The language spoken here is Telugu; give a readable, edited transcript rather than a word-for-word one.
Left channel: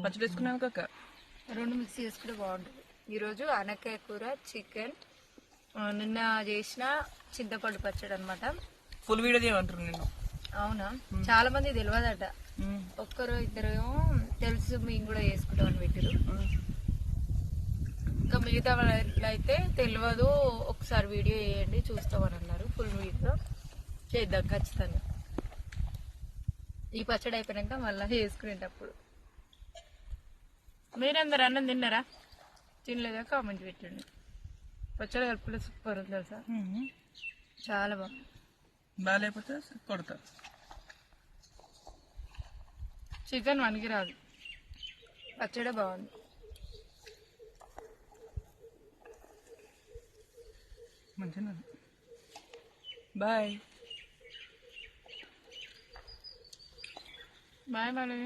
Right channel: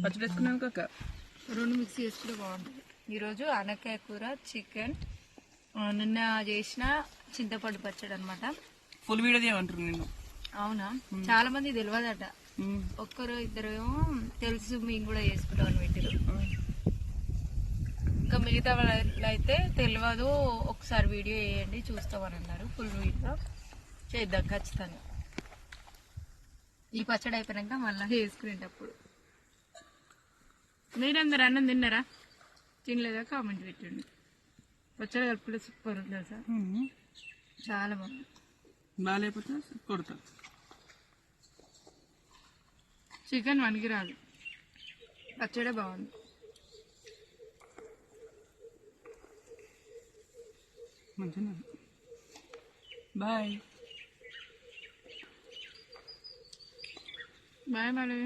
పచ్చడి వేసుకున్నాక అక్క రెండు మిక్స్ చేసుకుంటే బాగుంటుంది. ఈరోజు ఆనకాయ కూర, చికెన్, నిన్న చేసిన చింతపండు పచ్చడి అనమాట. ఫుల్ వీడియో చేయమంటారు నిన్ను. అవునా, చాలా మంది తెలియదట. ఒక్కరు ఇద్దరు తెలుసు, మేము కూడా చేసుకుంటామని పెట్టారు. ఇంకా మిగతా వాళ్ళు అయితే తెలియదు, ఒకసారి వీడియో వేయండి చూస్తామని అన్నారు. ఫుల్ వీడియో చేద్దాం ఖచ్చితంగా. ఈ పచ్చడి అయిపోయాక మళ్ళీ వేసుకునేటప్పుడు. మీరందరూ అన్నం తిన్నారా? తినలేదా కామెంట్ పెట్టండి. పచ్చడి కలుపులో సూపర్ ఉంది తెలుసా, చాలా బాగుంది. బాగాలేకపోతే కొడతా. చికెన్ వనికి రాదు, పచ్చడి బాగుంది. మంచిగా బాయ్ బాయ్ మేడం.